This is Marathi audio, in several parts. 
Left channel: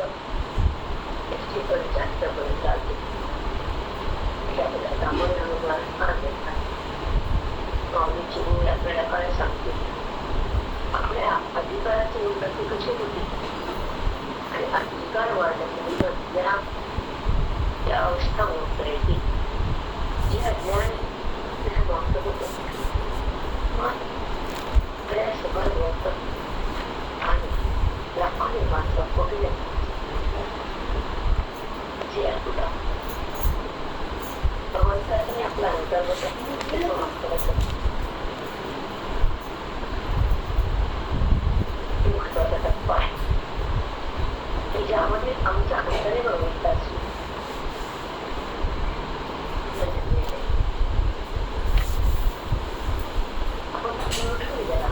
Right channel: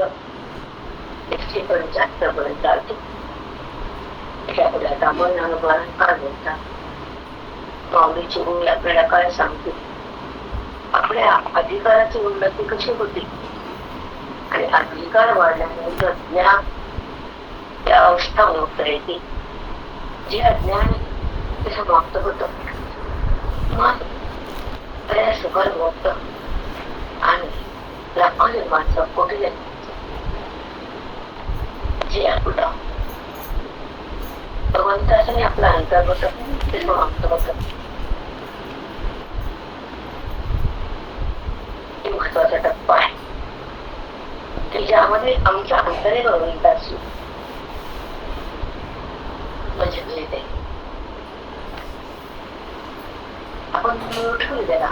एकशे पंच्याहत्तर पर्यंत आली त्यामुळे मन माऊलीची आपल्याला काय सांगते आपल्या अधिकाराची उन्नती कशी होती आणि अधिकार वाढल्यामुळे ज्ञान त्या अवस्था मुक्त येते जे अज्ञान ते समाप्त होतं मन बऱ्याच सुखद आणि माणसं कोटी जे आपलं भगवंताने आपला अंतर्गत ते समाप्त होतं. महत्त्वाचा टप्पा आहे. की ज्यामध्ये आमचा अंतरे भगवंताची. म्हणजे मिळते आपण ठेवू द्या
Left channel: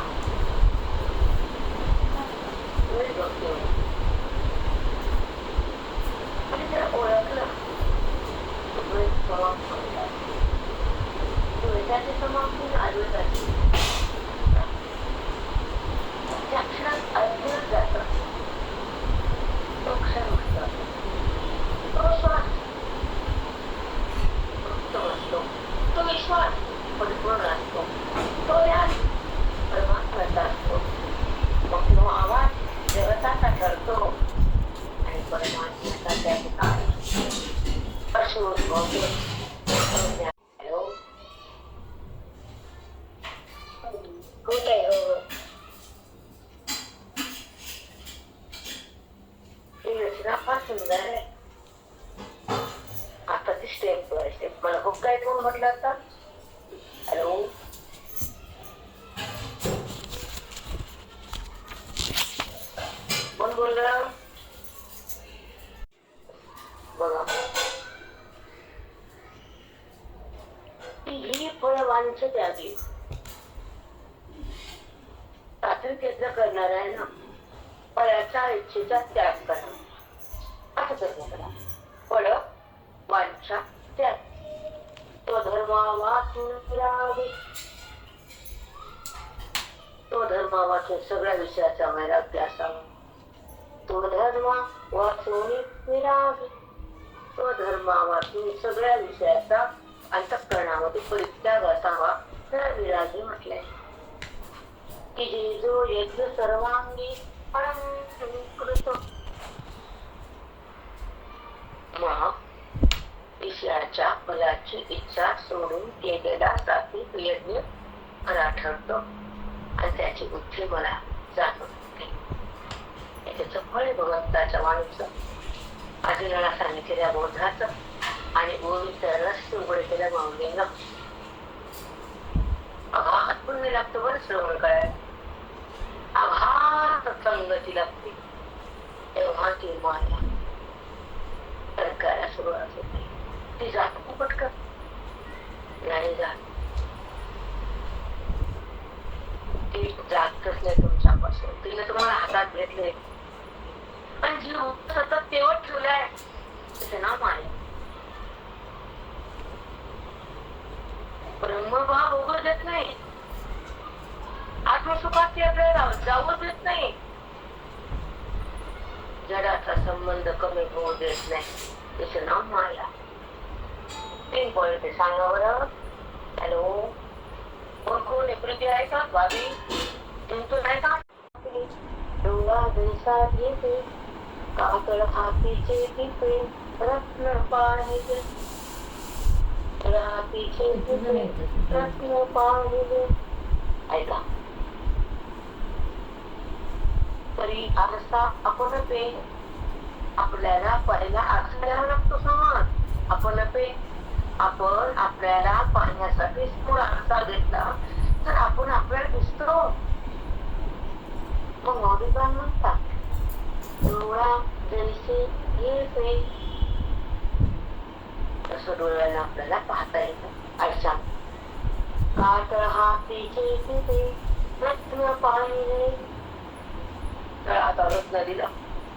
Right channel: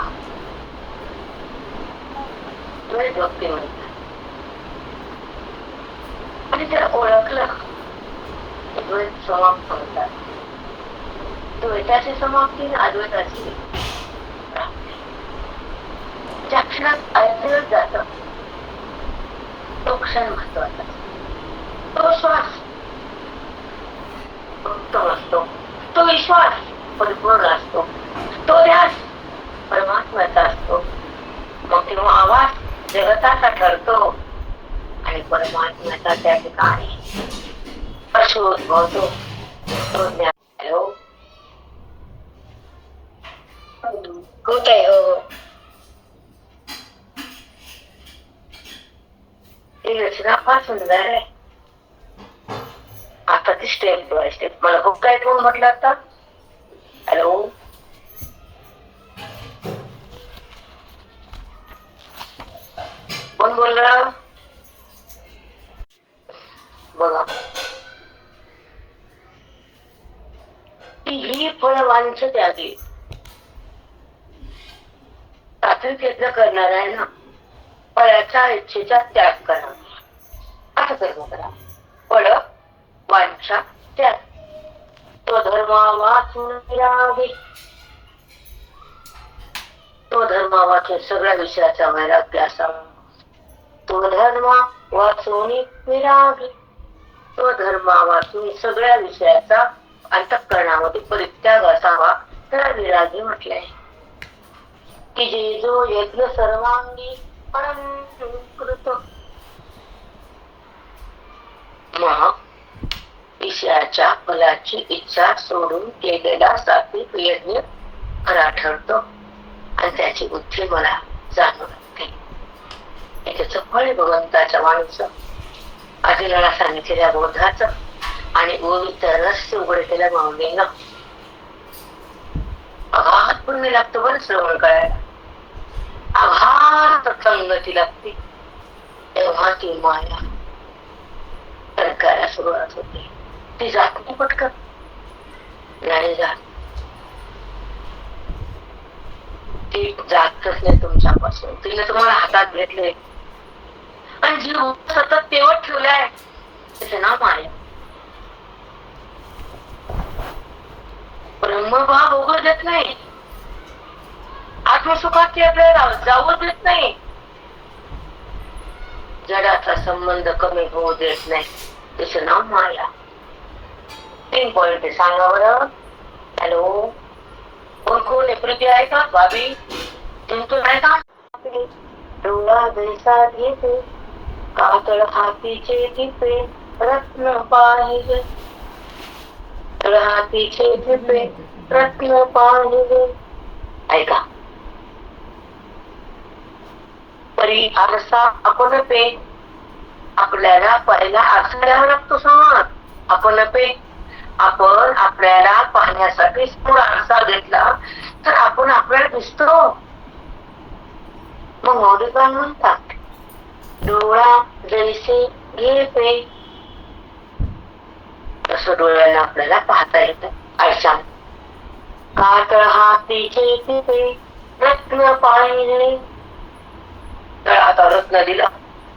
द्वैत भक्ती म्हणतात आणि त्याला ओळखलं द्वैत समाप्त होतात द्वैताची समाप्ती आणि अद्वैताची प्राप्ती. ज्या क्षणात ऐकलं जात तो क्षण महत्त्वाचा तो श्वास उत्तम असतो तो विश्वास परिपूर्ण असतो तो ध्यास परमात्म्याचा असतो मग तेव्हा आवाज जगताचा ठरतो आणि परमात्म्याचा त्या ठिकाणी उद्भवतो तो ज्ञान हॅलो कुठे आहे हो ही रचना फार सुंदर आहे आता ती स्टेप बाय स्टेप मला खूप काय कोण म्हटलं आता हॅलो कोण बोलला बघा. ही फळ वांच त्यागी. सात्विक यज्ञ करणार आहे ना? फळाच्या इच्छेचा त्याग करा. असं कर्म करा फळ वांछा त्याग. तो धर्मा वाचून तो धर्मा वाचून सगळ्या विषयाचा वैराग्य असावा. तो धर्म वाचून विरागी तो सगळ्या विषयाचा अंतःकरणामध्ये परित्याग असावा त्याला विरागी म्हटले की जे जो यज्ञ सर्वांगी मग विषयाच्या फलाची इच्छा सोडून केलेला सात्विक यज्ञ खरा ठरतो. आणि त्याची बुद्धी मला जाणवते त्याच फळ भगवंताच्या वाणीचं अर्जुनाला सांगितलेल्या बोधाच. आणि ओवीचं रहस्य उघड केल्या माऊलीनं अघात पुण्य लागतो बरं श्रवण करायला. आघात संगती लागते. तेव्हा ती माया सरकायला सुरुवात होते. ती जात नाही पटकन. नाही जात. ती जातच नाही तुमच्यापासून. तिने तुम्हाला हातात घेतले. आणि जीव सतत तेवत आहे त्याचं नाव माया. ब्रह्मभाव उघड देत नाही. आत्मसुखात ती आपल्याला जाऊ देत नाही. जडाचा संबंध कमी होऊ देत नाही. त्याचं नाव माया. तीन पॉइंट सांगा बरं. हॅलो कोण कोण आहे? आहे का? भाभी? तुमचं आहे का? डोळा जैसा घेते कातळ हातीचे दिपे रत्न पाहिले हातीचे दिपे रत्न पाहिले ऐका. परी आरसा आपण पे. आपल्याला पहिला आरसा द्यावा लागतो समोर आपण पे. आपण आपल्याला पाहण्यासाठी समोर आरसा घेतला तर आपण आपल्याला दिसतो. मग मौलिक म्हणतात डोळा जैसे घे तस डोळ्यांना डोळ्याला आपल्याला पाहता येतं आरशात कातळ हातीचे टिपे रत्न पाहिले तर आता रत्न दिलं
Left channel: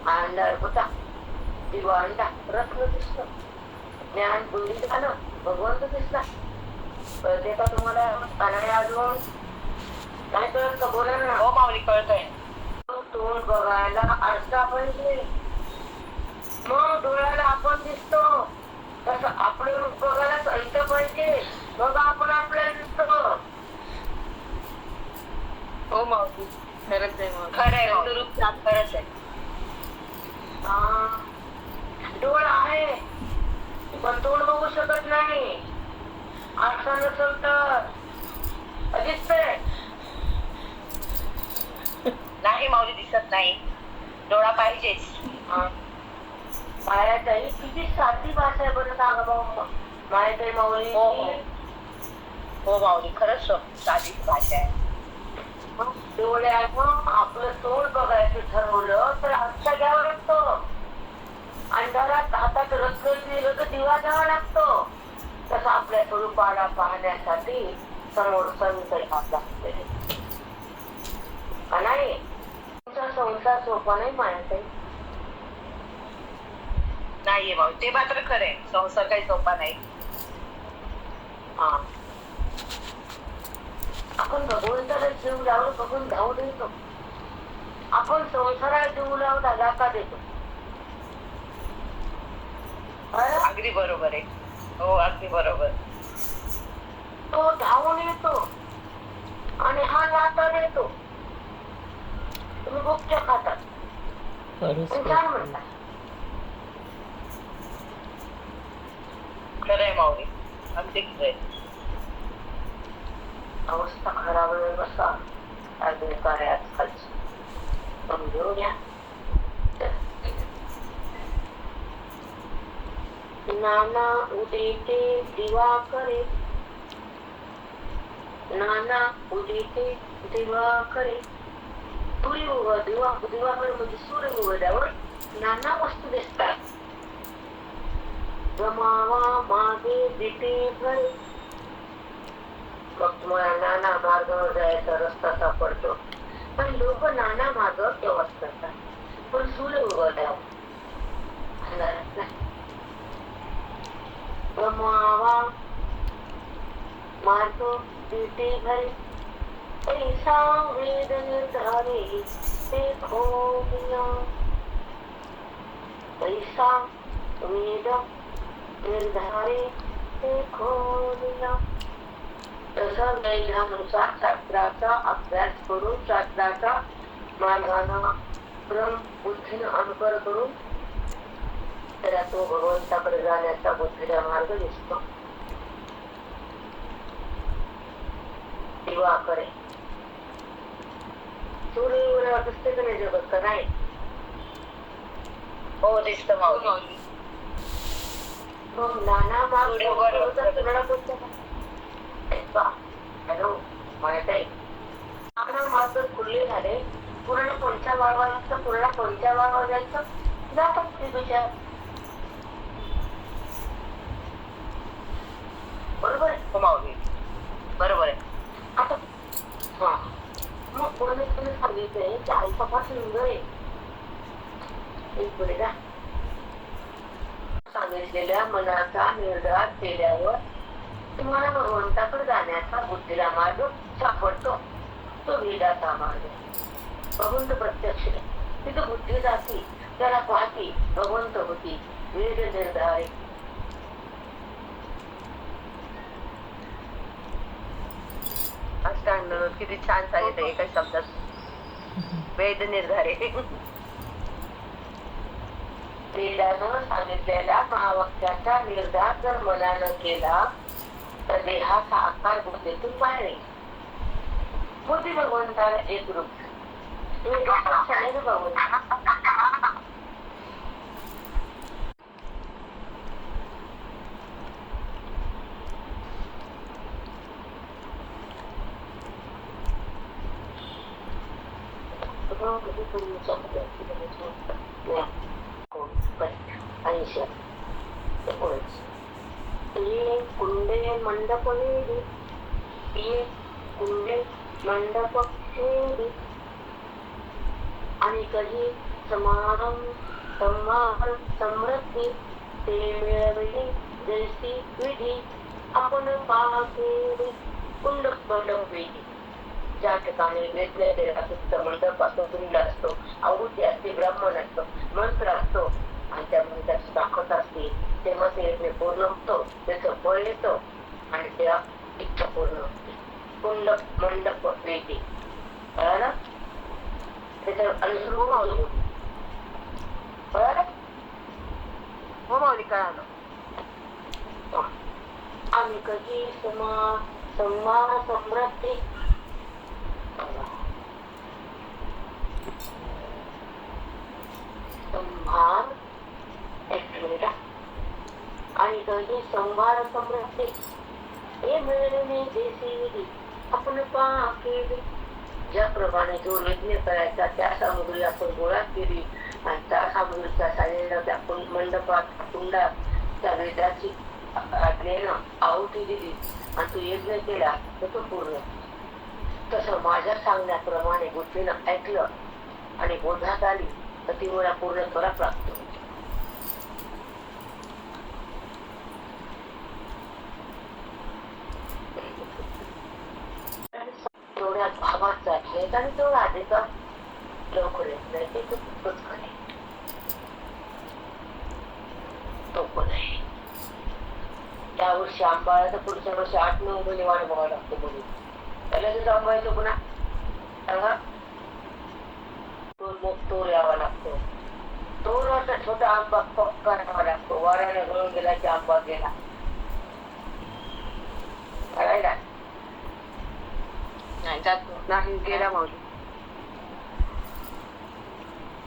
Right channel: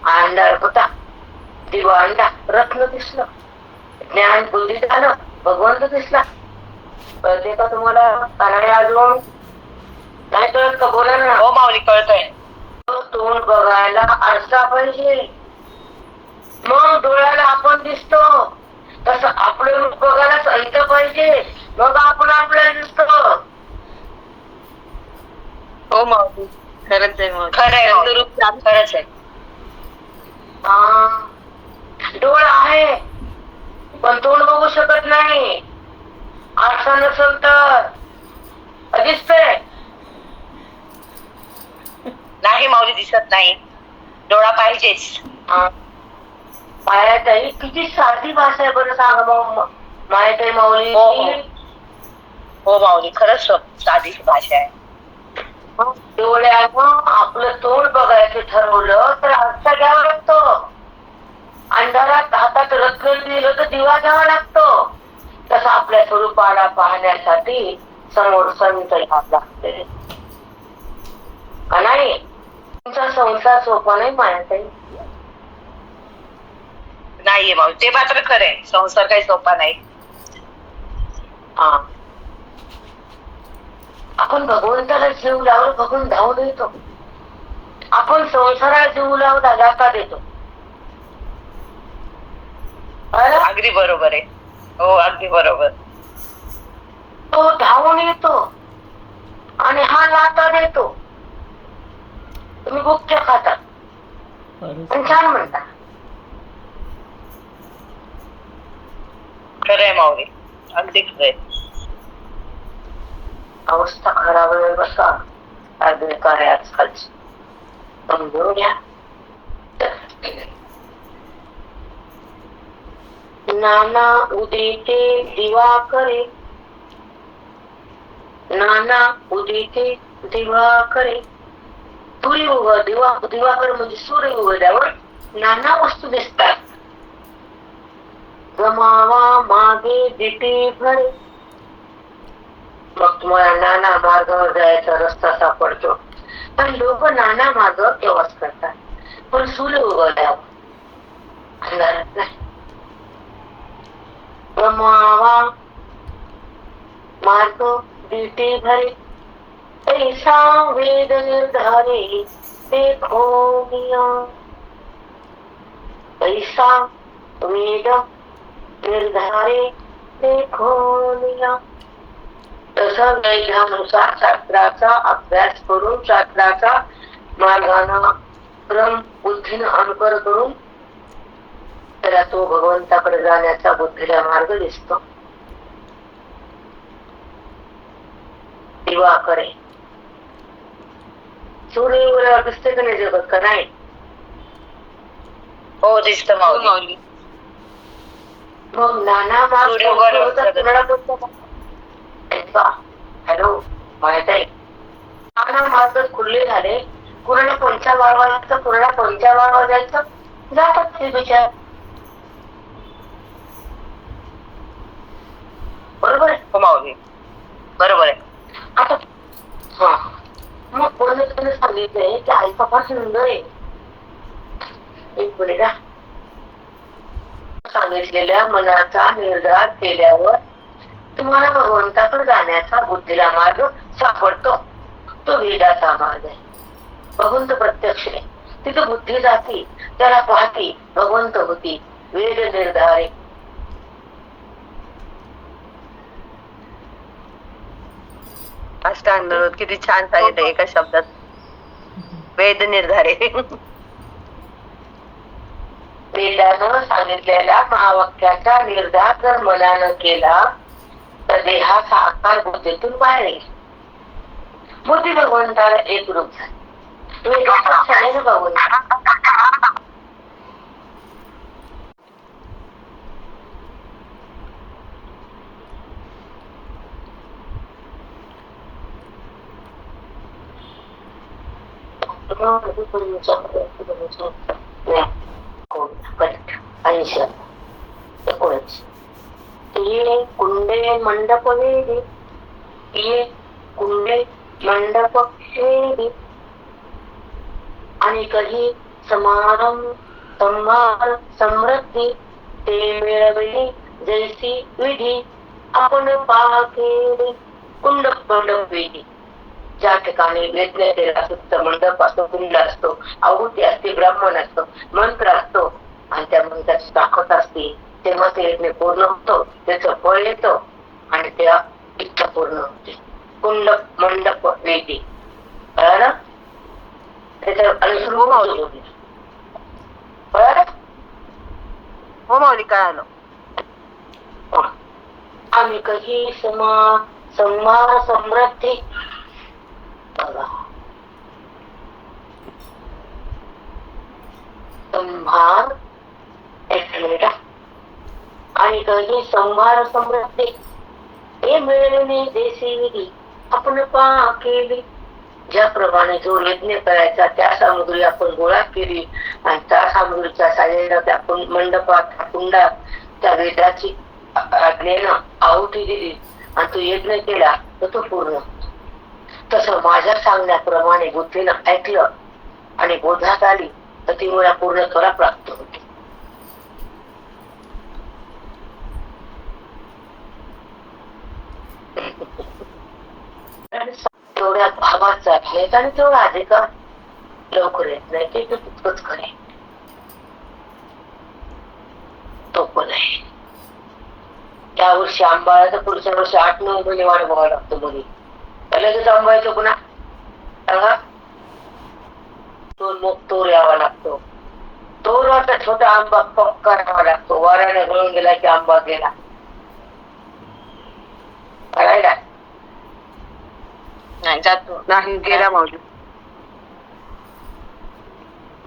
अंधार होता दिवा अंडा रत्न दिसलं ज्ञान बुद्धी झालं भगवंत दिसला कळते का तुम्हाला कानाडे अजून नाही कळत का बोला ना हो माऊली कळतंय तोंड बघायला आरसा पाहिजे. मग डोळ्याला आपण दिसतो. तसं आपलं रूप बघायला सांगितलं पाहिजे. मग आपण आपल्याला दिसतो. हो माऊली. खरंच आहे खरं माऊली. रूप खरंच आहे. डोळा आहे पण तोंड बघू शकत नाही. आरसा नसेल तर. दिसतंय. नाही माऊली दिसत नाही. डोळा पाहिजेच. मायाताई किती साधी भाषा आहे बरं सांगा मग मायाताई माऊली. हो, हो. हो माऊली खरंच साधी भाषा आहे. डोळ्यानं आपलं तोंड बघायचं ठरवलं तर आरसा घ्यावा लागतो. अंधारात हातात रत्न दिलं तर दिवा घ्यावा लागतो. तसं आपल्या स्वरूपाला पाहण्यासाठी समोर संत घ्यावं लागते. का नाही? तुमचा संसार सोपा नाही मायाताई नाहीये माऊली ते मात्र खरं आहे. संसार काही सोपा नाही. हा. आपण भगवंताला जीव लावलं बघून धावून येतो. आपण संसाराला जीव लावला धक्का देतो? अगदी बरोबर आहे. हो अगदी बरोबर. तो धावून येतो आणि हा लाता देतो. तुम्ही गुप्त खाता पण छान म्हणता. खरं आहे माऊली. अगदी खरं आहे. अवस्था खराब आहे बसा. काय बेकार आहे आजकालची समजून घ्या नाना उदिते दिवाकरे नाना उदिते दिवाकरे सूर्य सूर्ययुग दिवा दिवाकर म्हणजे सूर्य नाना वस्तू दिसतात. गमावा मागे दिटे भरे. मग तुम्हाला नाना मार्गावर जायचा रस्ता सापडतो. पण लोक नाना मार्ग प्रवास करतात. पण सूर्य उगवल्यावर अंधारात नाही. गमावा मार्ग दिटे भरे. वेद निर्धारे देखो मिया ऐसा वेद निर्धारे देखो मिया तसा वैद्यानुसार शास्त्राचा अभ्यास करून शास्त्राचा मार्गाना क्रम बुद्धीनं अनुकर करून त्याला तो भगवंताकडे जाण्याचा बुद्धीला मार्ग दिसतो. दिवा करे नाही जगत? का नाही? हो दिसतं माऊली. मग नाना हॅलो माहीत आहे? नाना मार्ग खुले झाले. कुणाला कोणत्या वाळवा जायचं जातात ते विचार बरोबर आहे हो माऊली बरोबर आहे आता हा मग कोणी कोणी की आईचा फार सुंदर आहे एक मिनिट सांगितलेल्या मनाचा निर्धार केल्यावर तुम्हाला भगवंताकडे जाण्याचा बुद्धीला मार्ग सापडतो. तो वेदाचा मार्ग आहे. भगवंत प्रत्यक्ष आहे. तिथे बुद्धी जाती त्याला पाहती भगवंत होती. वेद निर्धारे अष्टांग किती छान सांगितलं एका शब्दात. वेद निर्धारे. वेदानं सांगितलेल्या महावाक्याचा निर्धार जर मनानं केला तर देहाचा आकार बुद्धीतून बाहेर येईल बुद्धी भगवंताला एक रूप. झाली वेदाचा क्षणेनं भगवंत ऐंशी एकोणीस ये कुंडे मंडप वेदी ये कुंडे मंडप वेदी आणि काही समारंभ संभार समृद्धी ते मिळवली जैसी विधी. आपण पाहते कुंड मंडप वेदी ज्या ठिकाणी वेदनेला सुप्त मंडप असतो कुंड असतो आहुती असते ब्राह्मण असतो मंत्र असतो आणि त्या त्याच्यामध्ये त्याची ताकद असते तेव्हा ते यज्ञ पूर्ण होतो त्याचं फळ येतं आणि त्या इच्छा पूर्ण होते कुंड मंडप वेदी कळालं त्याच्या अनुसरून होती कळालं हो माऊली काय आलं आम्ही कधी समा संहार समृद्धी बघा. आणि कधी संभार समृद्धी. हे मिळवणे देशी विधी आपण पा केली. ज्याप्रमाणे जो यज्ञ करायचा त्या सामग्री आपण गोळा केली. आणि त्या सामग्रीच्या साह्याने आपण मंडपात कुंडात त्या वेदाची आज्ञेनं आहुती दिली. आणि तो यज्ञ केला तर तो पूर्ण. तसं माझ्या सांगण्याप्रमाणे बुद्धीनं ऐकलं आणि बोधात आली तर ती मला पूर्णत्वाला प्राप्त होते. तेवढ्या भावाचा जातलेत आणि तेवढा अधिकार लवकर येत नाही ते तितकंच खरे. तो पण आहे. त्या वर्षी आंबाळा तर पुढच्या वर्षी आठ नऊ महिने वाढ बघावं लागतो मुली लगेच आंबायचं पुन्हा सांगा तो मग तोर यावा लागतो तोराचा छोटा आंबा पक्का राहावा लागतो वाऱ्याने गळून गेला की आंबा गेला कळायला नाही जातो नाही गेला माऊली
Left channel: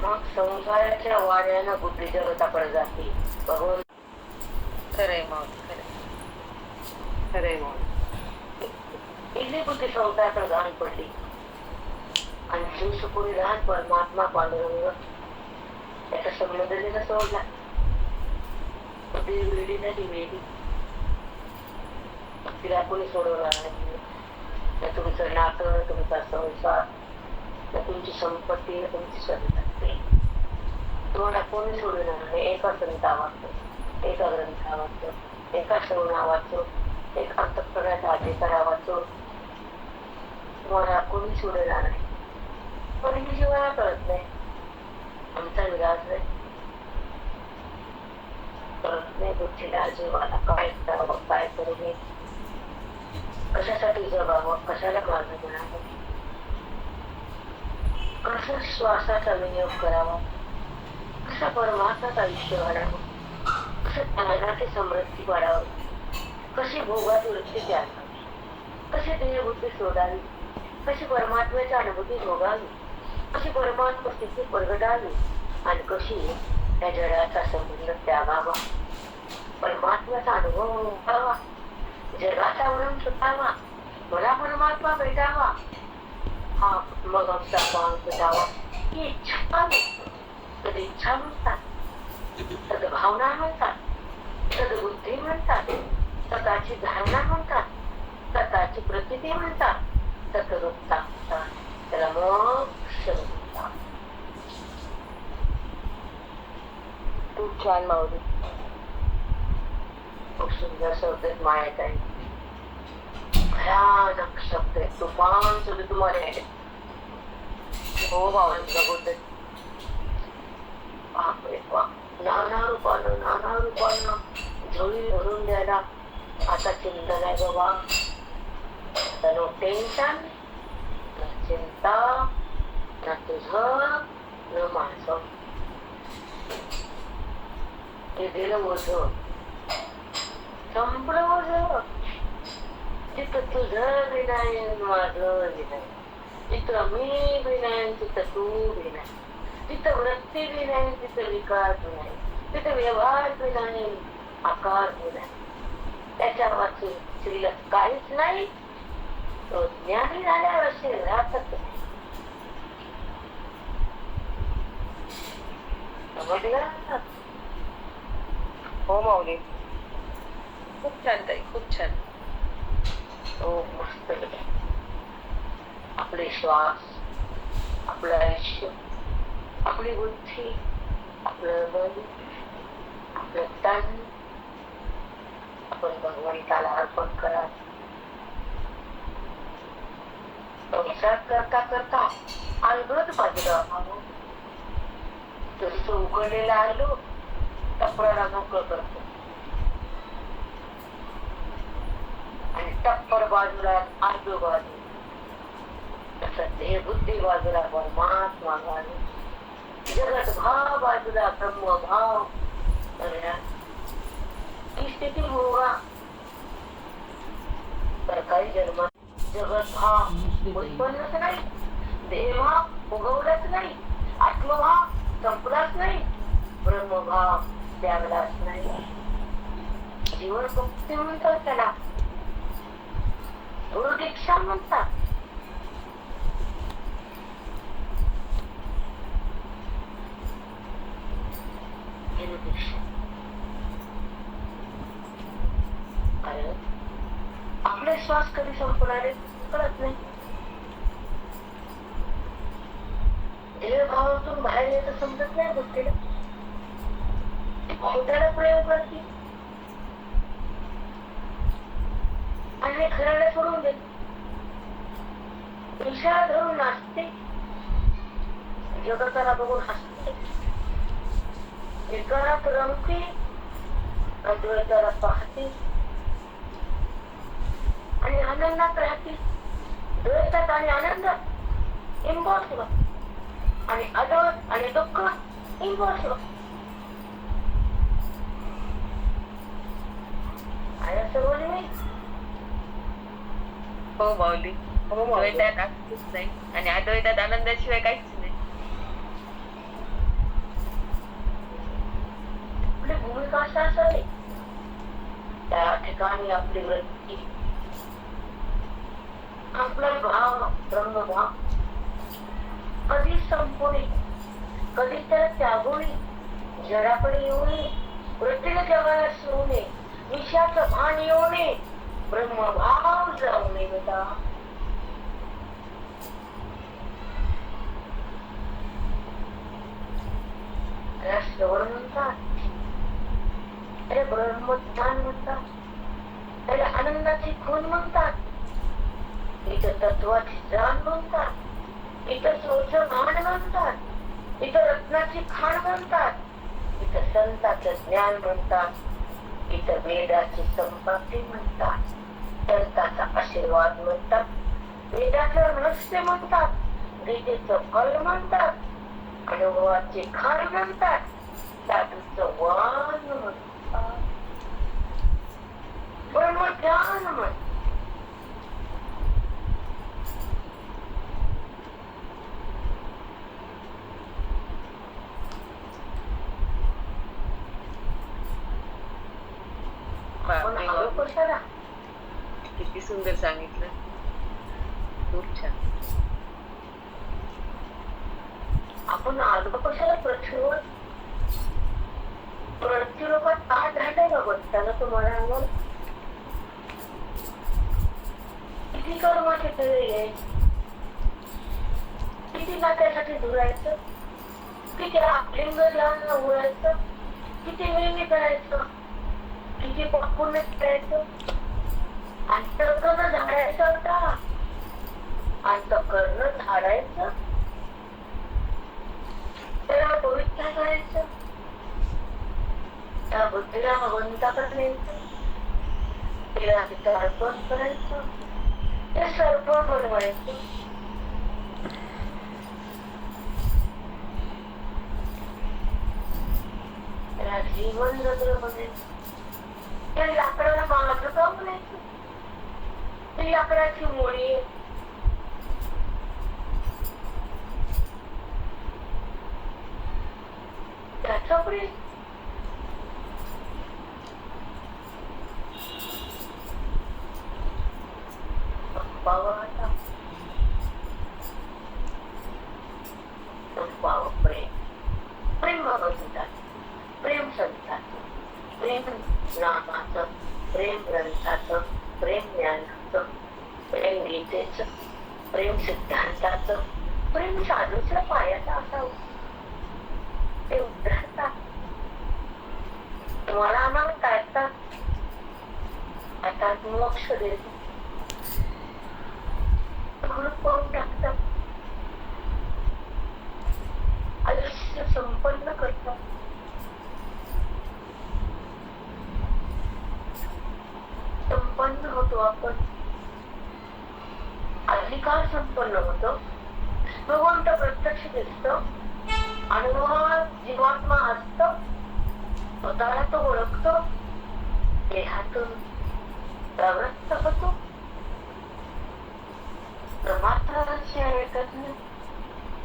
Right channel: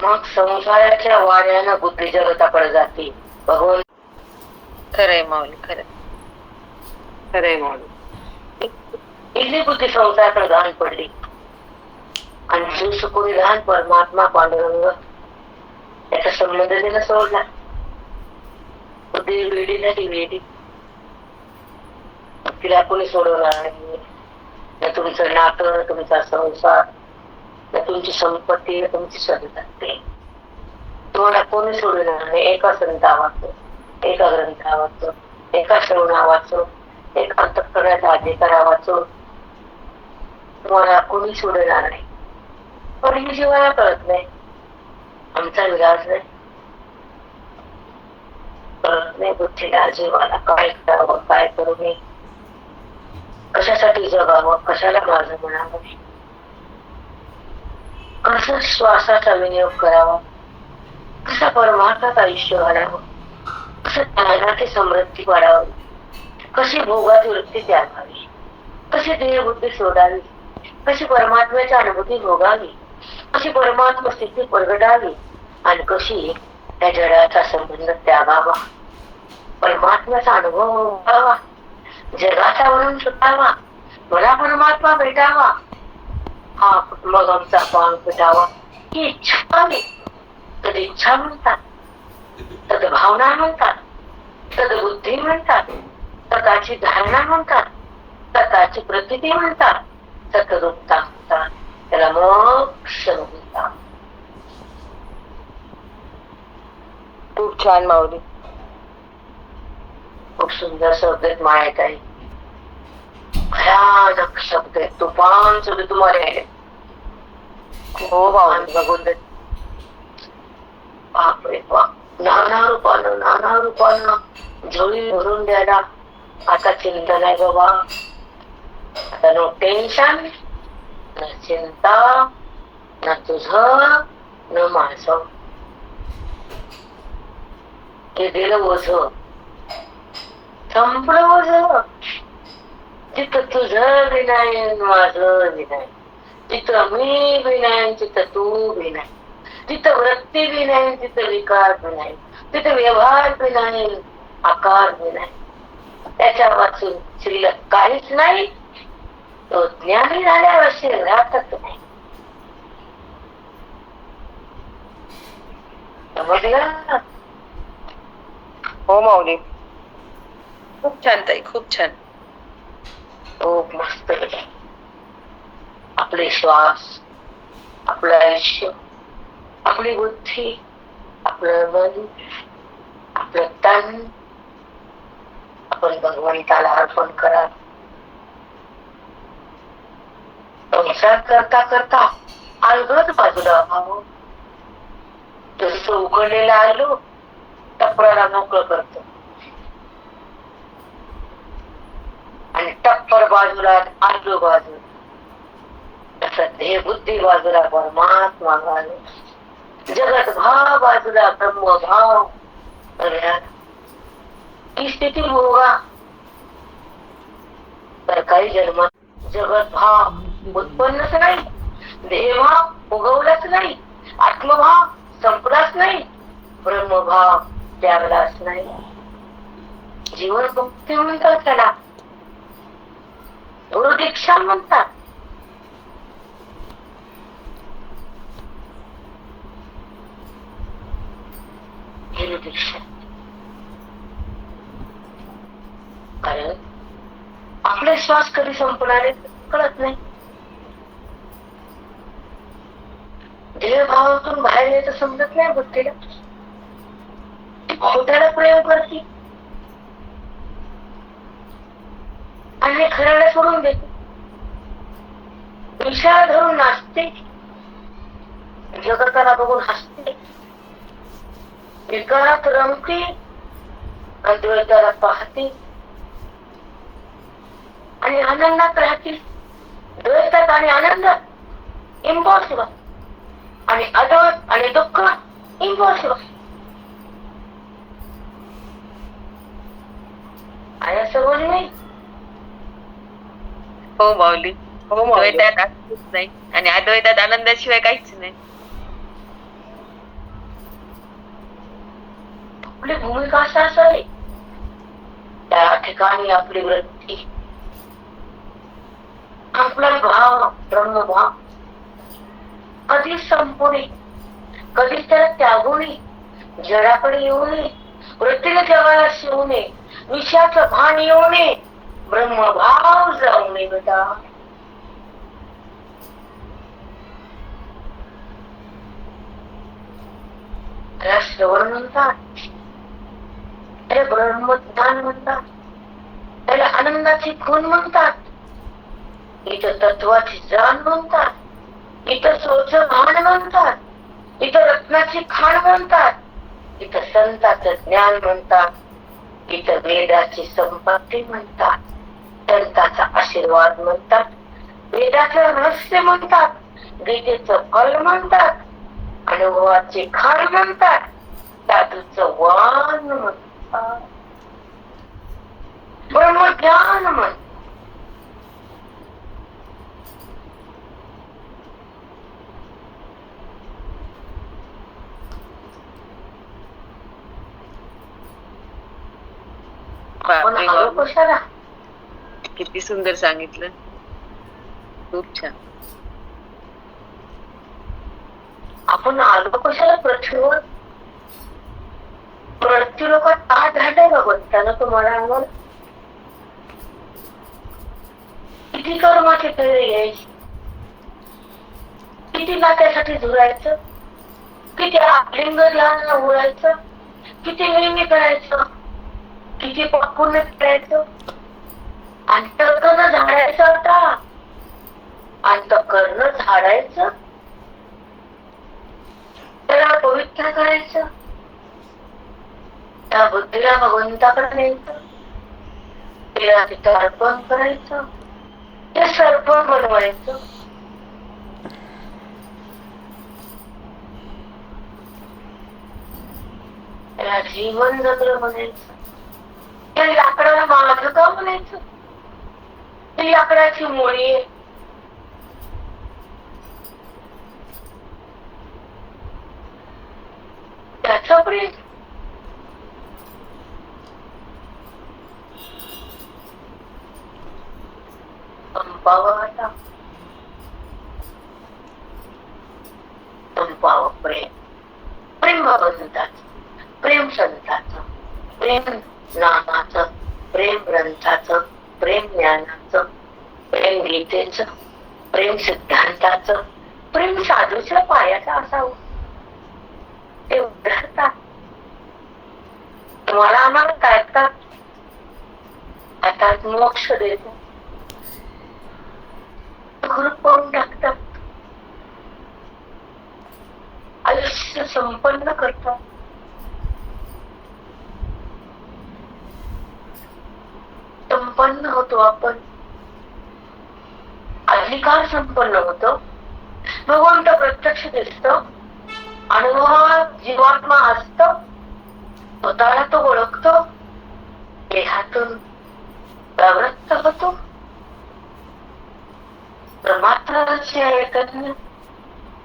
मग संसाराच्या वाऱ्यानं बुद्धी जगताकडे जाते भगवान खरंय माऊली खरं खरंय माऊली इथली बुद्धी संसाराकडे घाण पडली. आणि शिव सुखोरी लहान परमात्मा पांडुरंग याचा संबंध त्याला सोडला. बुद्धी वेडी नाही वेडी. तिला कोणी सोडवणार नाही. ना तुमचं नातं न तुमचा संसार ना तुमची संपत्ती ना तुमची संतती तुम्हाला कोणी सोडवणार नाही. एका संता वाचतो एका ग्रंथा वाचतो एका श्रवणा वाचो एका अंतकरणाचा अधिकारा अधिकारावाचं तुम्हाला कोणी सोडणार नाही. पण ही जीवाला कळत नाही. आमचा विलास नाही. कळत नाही बुद्धीला जीवाला काय करावं काय करू नये. कशासाठी जगावं कशाला माझं म्हणावं. कसं श्वासाचा विनियोग करावा? कसा परमार्थात आयुष्य घालावं? कसं त्याला ते समृद्धी वाढावी? कशी भोगात वृत्ती त्यागावी? कशी देहबुद्धी सोडावी कशी परमात्म्याची अनुभूती भोगावी कशी परमात्मा स्थिती प्रगटावी आणि कशी त्या जगाचा संबंध त्यागावा. परमात्म्याचा अनुभव भोगावा जगाचा म्हणून सुटावा मला परमात्मा भेटावा. हा मग आमचा पान भेटावा ही इच्छा आहे. तद इच्छा म्हणतात. तद भावना म्हणतात. तद बुद्धी म्हणतात. तदाची धारणा म्हणतात. तदाची प्रतिती म्हणतात. तत्रूपता म्हणतात त्याला मोक्ष म्हणतात खूप छान माऊली. खूप सुंदर शब्द आहेत माळ्यात आहे भयानक शब्द आहेत. तुफान शब्द तुम्हाला आहे हो माऊली. बघून बापरे बाप. नाना रूपानं नाना रूपानं झोळी भरून द्यायला आता चिंता नाही बाबा. आता नो टेन्शन न चिंता न तुझ न माझ ते दिलं ओझ संपलं ओझ तिथं तुझ विनायन माझं विनायन तिथं मी विनायन तिथं तू विनायन तिथं वृत्ती विनायन तिथं विकार विनायन तिथं व्यवहार विनायन आकार विनायन त्याच्या वाचून शिल्लक काहीच नाही तो ज्ञानी झाल्यावर शिल्लकच नाही समजलं हो माऊली खूप छान ताई खूप छान खूप मस्त. आपले श्वास आपलं आयुष्य आपली बुद्धी आपलं मन आपलं तन आपण भगवंताला अर्पण करा संसार करता करता अलगद बाजूला व्हावं जसं उघडलेलं आलो टप्पराला मोकळं करतो. आणि टप्पर बाजूला आलो बाजू तसं देह बुद्धी बाजूला परमात्मा बाजू जगत भाव बाजूला ब्रह्म भाव ही स्थिती होगा तर काही जन्मात जगत भाव उत्पन्नच नाही देहभाव उगवलाच नाही आत्मभाव संपलाच नाही ब्रह्मभाव त्यागलाच नाही. जीवन मुक्ती म्हणतात त्याला. गुरुदीक्षा म्हणतात. गुरुदीक्षा. श्वास कधी संपणार कळत नाही. देहभावातून बाहेर येत समजत नाही बुद्धीला. खोट्याला प्रयोग करते. आणि खऱ्याला सोडून देते विषयाला धरून नाचते. जगताला बघून हसते. विकारात रमते. अद्वैताला पाहते. आणि आनंदात राहतील. द्वैतात आणि आनंदात इम्पॉसिबल आणि अद्वैत आणि दुःख इम्पॉसिबल आहे असं बोलू नाही. हो माऊली. हो. द्वैतात नाही. आणि अद्वैतात आनंदाशिवाय काहीच नाही. आपली भूमिका असं असावी. त्या ठिकाणी आपली वृत्ती आपला भाव ब्रह्मभाव कधी संपू नये कधी त्याला त्यागू नये जडाकडे येऊ नये वृत्तीने जगाला शिवू नये विषाच भान येऊ नये ब्रह्मभाव जाऊ नये बेटा. राष्ट्रवर म्हणतात. त्याला ब्रह्मज्ञान म्हणतात. त्याला आनंदाची खून म्हणतात. इथं तत्वाची जाण म्हणतात. इथं सोच भान म्हणतात. इथं रत्नाची खाण म्हणतात. इथं संताचं ज्ञान म्हणतात. इथं वेदाची संपत्ती म्हणतात. संताचा आशीर्वाद म्हणतात. वेदाचं रहस्य म्हणतात. गीतेचं फल म्हणतात. अनुभवाचे खाण म्हणतात. साधूच वान म्हणतात. ब्रह्मज्ञान म्हणतात. बापरे बाप. किती सुंदर सांगितलं खूप छान आपण आलो कशाला पृथ्वीवर पृथ्वी लोक का झाले भगवंतानं तुम्हाला अंगावर किती कर्माचे खेळ यायचे किती नात्यासाठी झुरायचं किती आलिंगला उडायचं किती नेहमी करायचं किती पुण्य करायचं अंतकरण झाडायचं आता. अंतकरण झाडायचं. त्याला पवित्र करायचं. त्या बुद्धीला भगवंताकडे न्यायचं. तिला तिथं अर्पण करायचं. ते सर्पण बनवायचं. त्याला जीवन जगलं म्हणायचं. त्या लाकडाला माझं का म्हणायचं लाकडाची मुळी त्याचा प्रेम संपावं आता संपावं प्रेम प्रेम भगवंताचं प्रेम प्रेम नामाचं प्रेम ग्रंथाचं प्रेम ज्ञानाचं प्रेम गीतेच प्रेम सिद्धांताचं प्रेम साधूच्या पायाचा असावं ते उद्धारतात तुम्हाला आम्हाला काय आता मोक्ष देतो. करून टाकतात? आयुष्य संपन्न करतात. संपन्न होतो आपण. अधिकार संपन्न होतो. भगवंत प्रत्यक्ष दिसतो. अनुभव जीवात्मा असत स्वतःला तो ओळखतो. देहातून प्रवृत्त होतो. प्रमात्र चैतन्य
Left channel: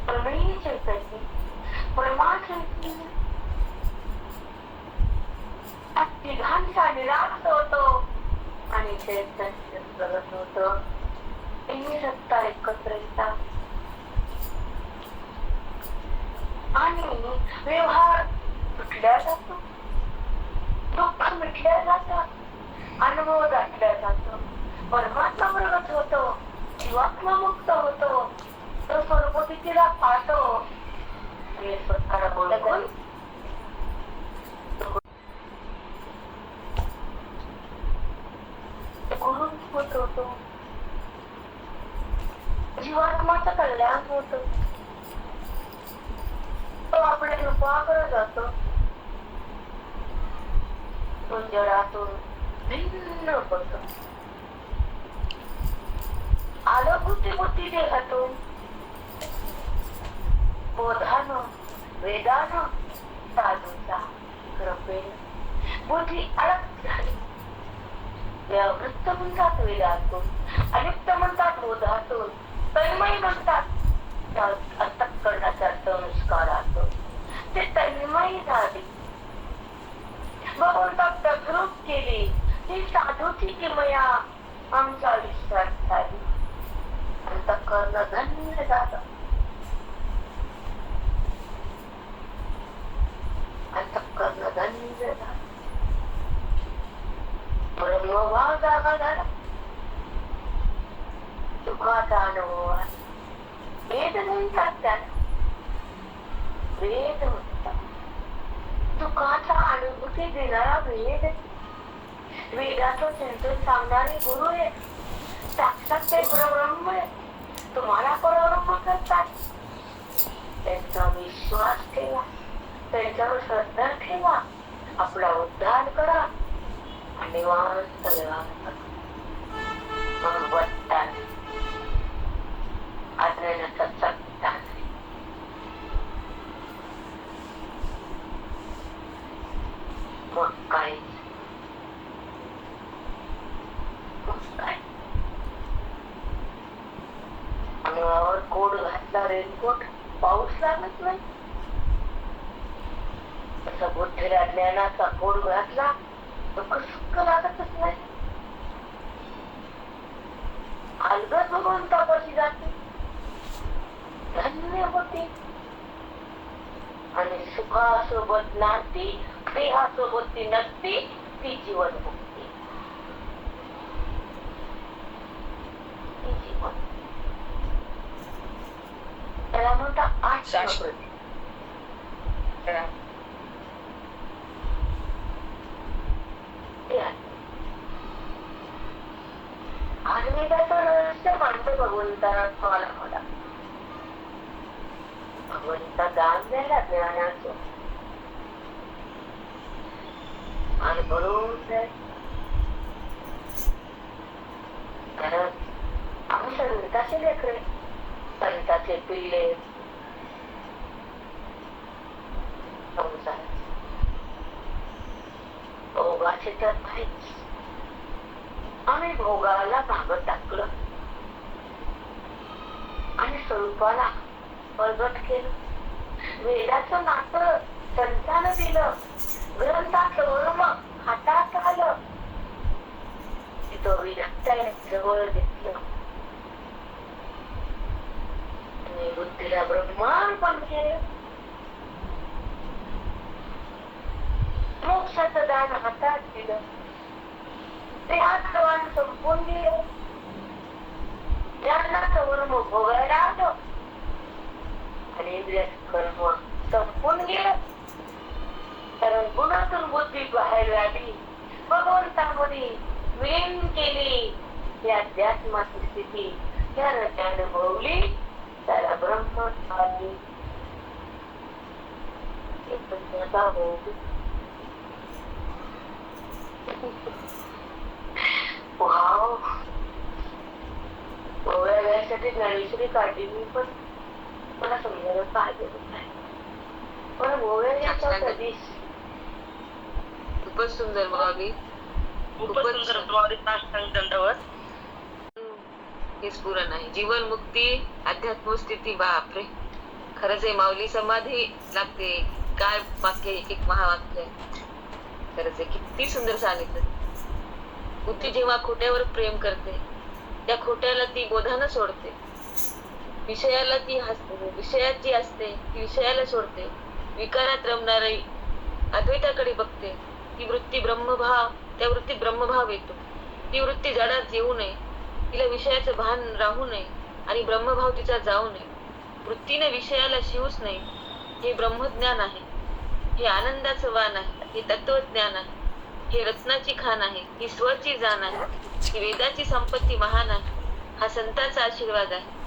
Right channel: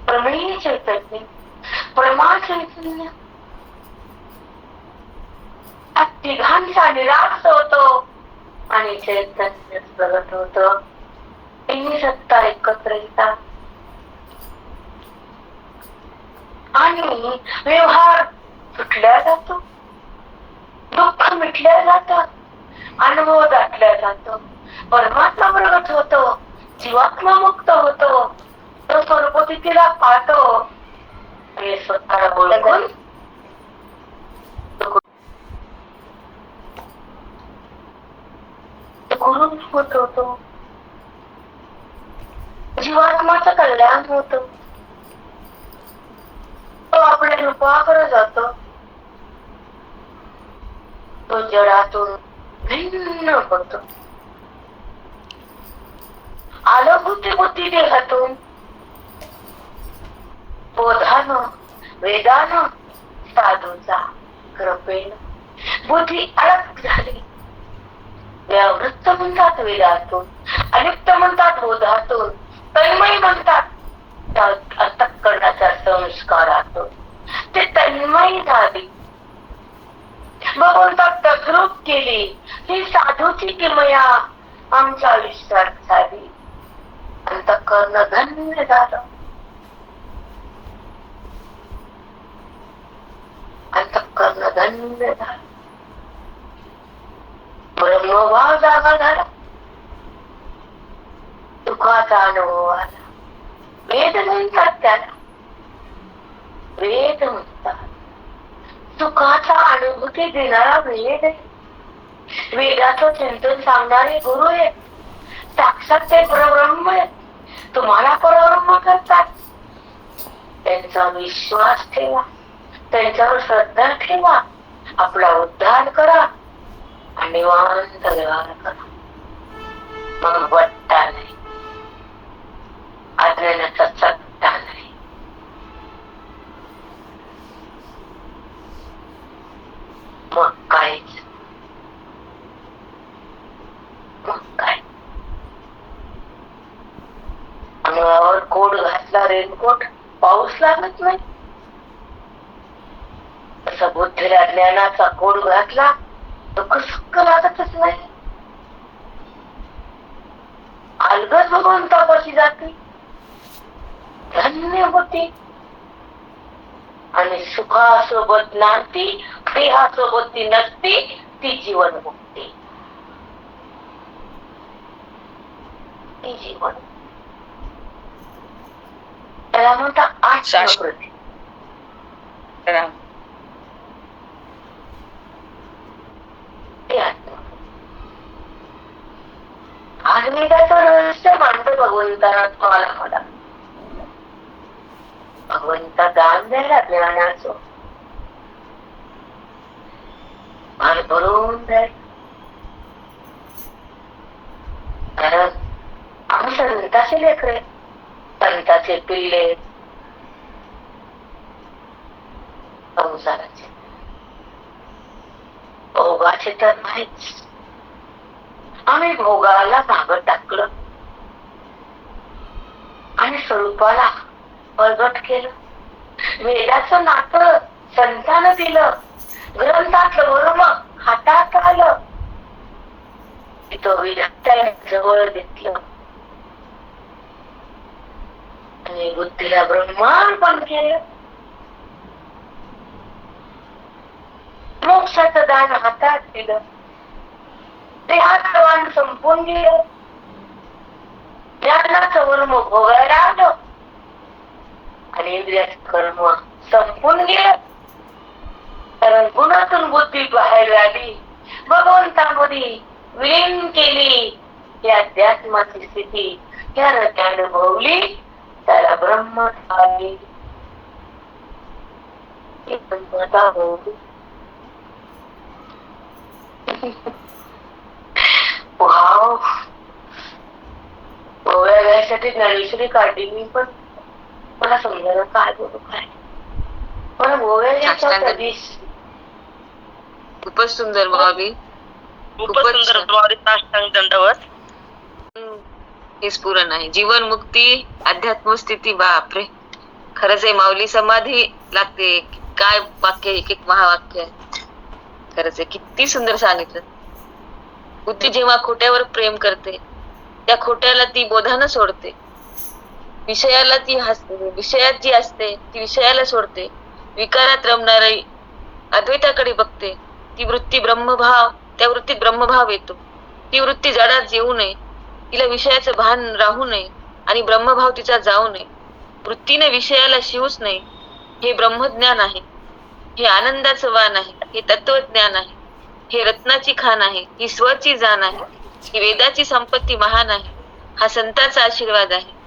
प्रमेय चैतन्य प्रमा चैतन्य. हा तिघांचा निराश होतो. आणि चैतन्य प्रगत होत. तिन्ही सत्ता एकत्र येतात. आणि व्यवहार सुटल्या जातो. दुःख मिटल्या जातात अनुभव दाटल्या जातो. परमात्मा प्रगत होतो. जीवात्मा मुक्त होतो. तो स्वरूपतीला पाहतो. हे स्वतःला बोलून गुरु होतो जीवात्माचं कल्याण होतं तो आपल्या रूपाकडे जातो तो जडातून भिन्न होतो आलं बुद्धी देहातून बोधान वेदान साधूचा कृपेन बुद्धी अडक झाली. व्यावृत्त म्हणतात वेदातून अलिप्त म्हणतात बोधातून तन्मय म्हणतात अंतकरणाच्या संस्कारातून. ते तन्मय झाली. भगवंतात तद्रूप केली ही साधूची किमया आमच्या आयुष्यात झाली. अंतकरण धन्य झालं. अंतकरण धन्य झालं. ब्रह्मभाव जागा झाला सुखाचा अनुभव आला वेद म्हणतात त्याला वेद म्हणतात सुखाचा अनुभूती देणारा वेद वेदाचं चिंतन सांगणारे गुरु आहे. साक्षात ते परब्रह्म आहे. तुम्हाला परब्रह्म करतात. त्यांचा विश्वास ठेवा. त्यांच्यावर श्रद्धा ठेवा. आपला उद्धार करा. निवांत व्यवहार करा मग वट्टा नाही अज्ञानाचा सत्ता नाही मग काहीच मग काय अंगावर कोट घातला रेनकोट पाऊस लागत नाही तसा बुद्धीला ज्ञानाचा कोट घातला दुःख सुख लागतच नाही अलगद भगवंतापाशी जाते धन्य होती. आणि सुखासोबत नाती देहासोबत ती नसती ती जीवन मुक्ती ती जीवन. त्याला म्हणतात शाश्वत. आश्रकृती राम ते आत्मा. आज मी त्याचं रहस्य मांडतो भगवंताला तुम्हाला मला भगवंता दान द्यायला ज्ञानाचं आणि भरून द्याय कारण आम्ही संताचे लेकरे संताचे पिल्ले संसाराचे भोगाचे तर नाहीच. आम्ही भोगाला भागत टाकलं. आणि स्वरूपाला प्रगट केलं. वेदाचं नातं संतानं दिलं. ग्रंथातलं वर्म हातात आलं. तो जवळ घेतलं. आणि बुद्धीला ब्रह्मार्पण केलं. मोक्षाचं दान हातात दिलं देहाचं संपून गेलं ज्ञानाचं वर्म भोगायला आलं आणि इंद्रियाचं कर्म संपून गेलं कारण गुणातून बुद्धी बाहेर आली भगवंतामध्ये विलीन केली या अध्यात्माची स्थिती त्यानं त्या अनुभवली त्याला ब्रह्म आली वाव गोव्या जायसाठी ज्ञानेश्वरी काढली मी पण मला समजायला काय बोलू काय? गोव्या कधीच खूपच सुंदर माऊली खूपच खूपच सुंदर छान. माऊली साष्टांग दंडवत हे स्फुरण आहे जीवन मुक्ती अध्यात्म स्थिती बापरे. खरंच आहे माऊली समाधी लागते. काय वाक्य एक एक महावाक्य आहे. खरंच आहे. किती सुंदर सांगितलं. बुद्धी जेव्हा खोट्यावर प्रेम करते त्या खोट्याला ती बोधानं सोडते. विषयाला ती विषयात जी असते ती विषयाला सोडते. विकारात रमणारी अद्वैताकडे बघते. ती वृत्ती ब्रह्मभाव त्या वृत्तीत ब्रह्मभाव येतो. ती वृत्ती जडात येऊ नये. तिला विषयाचं भान राहू नये आणि ब्रह्मभाव तिचा जाऊ नये. वृत्तीने विषयाला शिवूच नये. हे ब्रह्मज्ञान आहे. हे आनंदाचं वाण आहे. हे तत्वज्ञान आहे. हे रत्नाची खान आहे. ही स्वची जाण आहे. ही वेदाची संपत्ती महान आहे. हा संतांचा आशीर्वाद आहे.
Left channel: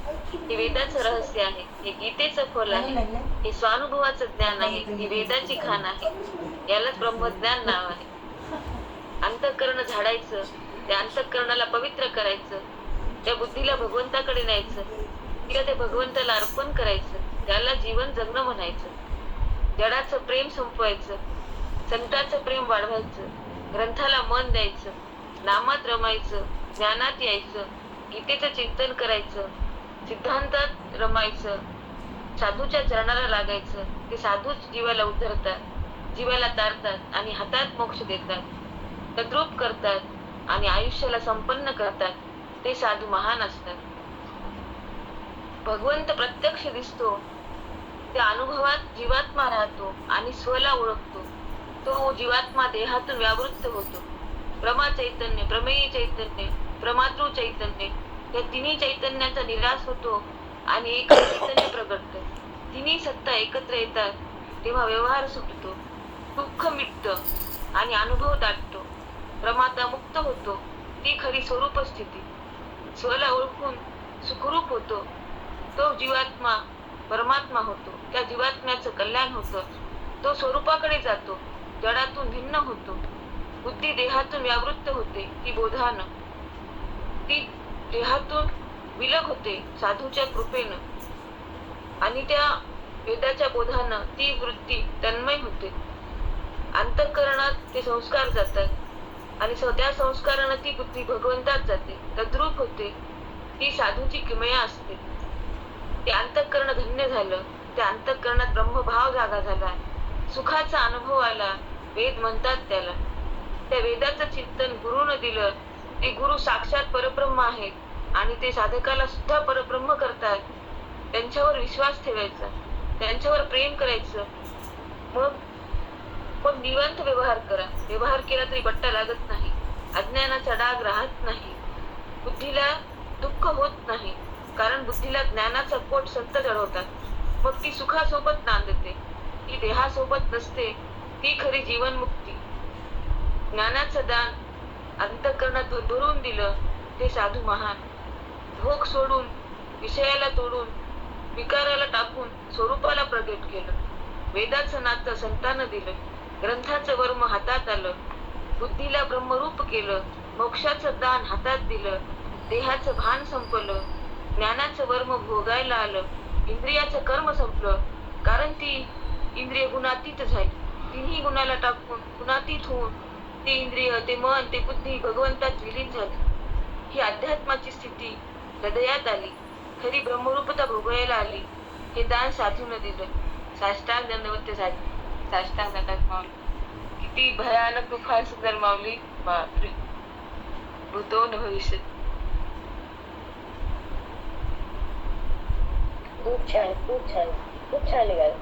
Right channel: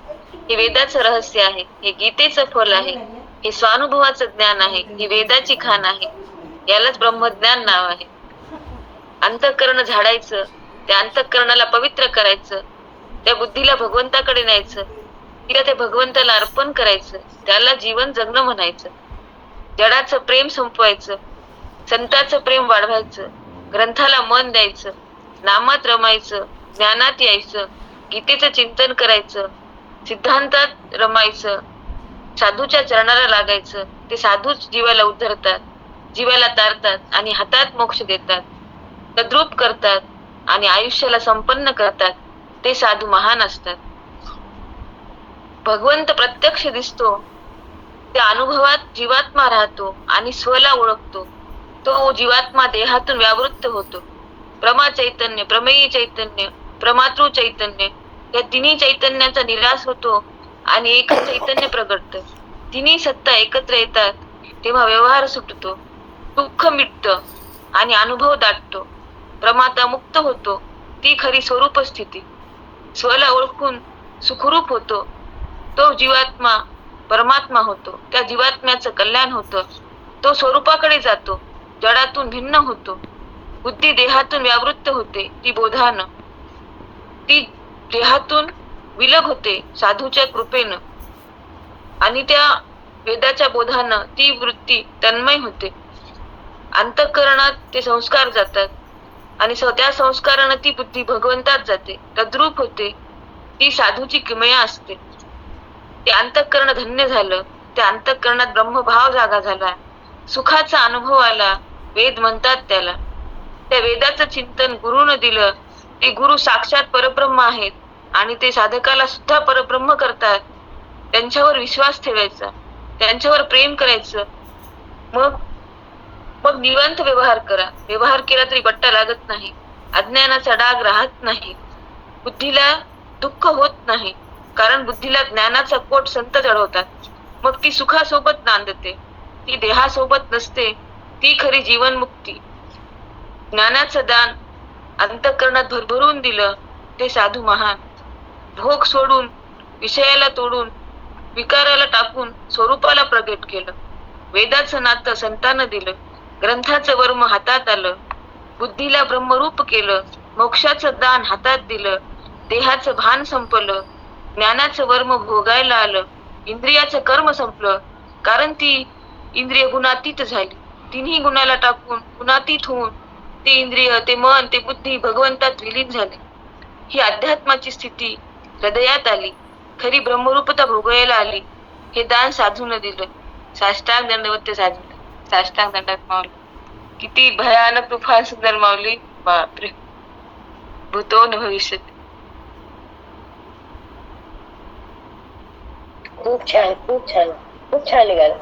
हे वेदाचं रहस्य आहे. हे गीतेचं फल आहे. हे स्वानुभवाचं ज्ञान आहे. ही वेदाची खान आहे. यालाच ब्रह्मज्ञान नाव आहे. अंतःकरण झाडायचं. त्या अंतःकरणाला पवित्र करायचं. त्या बुद्धीला भगवंताकडे न्यायचं. तिला त्या भगवंताला अर्पण करायचं. त्याला जीवन जगणं म्हणायचं. जडाचं प्रेम संपवायचं. संताचं प्रेम वाढवायचं. ग्रंथाला मन द्यायचं. नामात रमायचं. ज्ञानात यायचं. गीतेचं चिंतन करायचं. सिद्धांतात रमायचं. साधूच्या चरणाला लागायचं. ते साधूच जीवाला उद्धरतात. जीवाला तारतात आणि हातात मोक्ष देतात. तद्रूप करतात आणि आयुष्याला संपन्न करतात. ते साधू महान असतात. भगवंत प्रत्यक्ष दिसतो. त्या अनुभवात जीवात्मा राहतो आणि स्वला ओळखतो. तो जीवात्मा देहातून व्यावृत्त होतो. प्रमा चैतन्य प्रमेय चैतन्य प्रमातृ चैतन्य या तिन्ही चैतन्याचा निराश होतो आणि एक चैतन्य प्रगटत. तिन्ही सत्ता एकत्र येतात तेव्हा व्यवहार सुटतो दुःख मिटत आणि अनुभव दाटतो. प्रमाता मुक्त होतो ती खरी स्वरूप स्थिती. स्वला ओळखून सुखरूप होतो. तो जीवात्मा परमात्मा होतो. त्या जीवात्म्याचं कल्याण होतं. तो स्वरूपाकडे जातो. जडातून भिन्न होतो. बुद्धी देहातून व्यावृत्त होते ती बोधानं. ती देहातून विलग होते साधूच्या कृपेनं. आणि त्या वेदाच्या बोधानं ती वृत्ती तन्मय होते. अंतःकरणात ते संस्कार जातात. आणि त्या संस्कारानं ती बुद्धी भगवंतात जाते. तद्रूप होते. ती साधूची किमया असते. ते अंतःकरण धन्य झालं. त्या अंतःकरणात ब्रह्मभाव जागा झाला. सुखाचा अनुभव आला. वेद म्हणतात त्याला. त्या वेदाचं चिंतन गुरुनं दिलं. ते गुरु साक्षात परब्रह्म आहेत आणि ते साधकाला सुद्धा परब्रह्म करतात. त्यांच्यावर विश्वास ठेवायचा. त्यांच्यावर प्रेम करायचं. मग मग निवांत व्यवहार करा. व्यवहार केला तरी बट्टा लागत नाही. अज्ञानाचा डाग राहत नाही. बुद्धीला दुःख होत नाही. कारण बुद्धीला ज्ञानाचा कोट संत चढवतात. मग ती सुखासोबत नांदते. ती देहासोबत नसते. ती खरी जीवनमुक्ती. ज्ञानाचं दान अंतःकरणात भरभरून दिलं ते साधू महान. भोग सोडून विषयाला तोडून विकाराला टाकून स्वरूपाला प्रगट केलं. वेदाचं नातं संतानं दिलं. ग्रंथाचं वर्म हातात आलं. बुद्धीला ब्रह्मरूप केलं. मोक्षाचं दान हातात दिलं. देहाचं भान संपलं. ज्ञानाचं वर्म भोगायला आलं. इंद्रियाचं कर्म संपलं. कारण ती इंद्रिय गुणातीत झाली. तिन्ही गुणाला टाकून गुणातीत होऊन ते इंद्रिय ते मन ते बुद्धी भगवंतात विलीन झाले. ही अध्यात्माची स्थिती हृदयात आली. खरी ब्रह्मरूपता भोगायला आली. हे दान साधून दिलं. साष्टांग दंडवत साधू साष्टांग दंडात माऊली किती भयानक तुफान सुंदर माऊली बापरे. भूतो न भविष्य खूप छान खूप छान. खूप छान निघालं.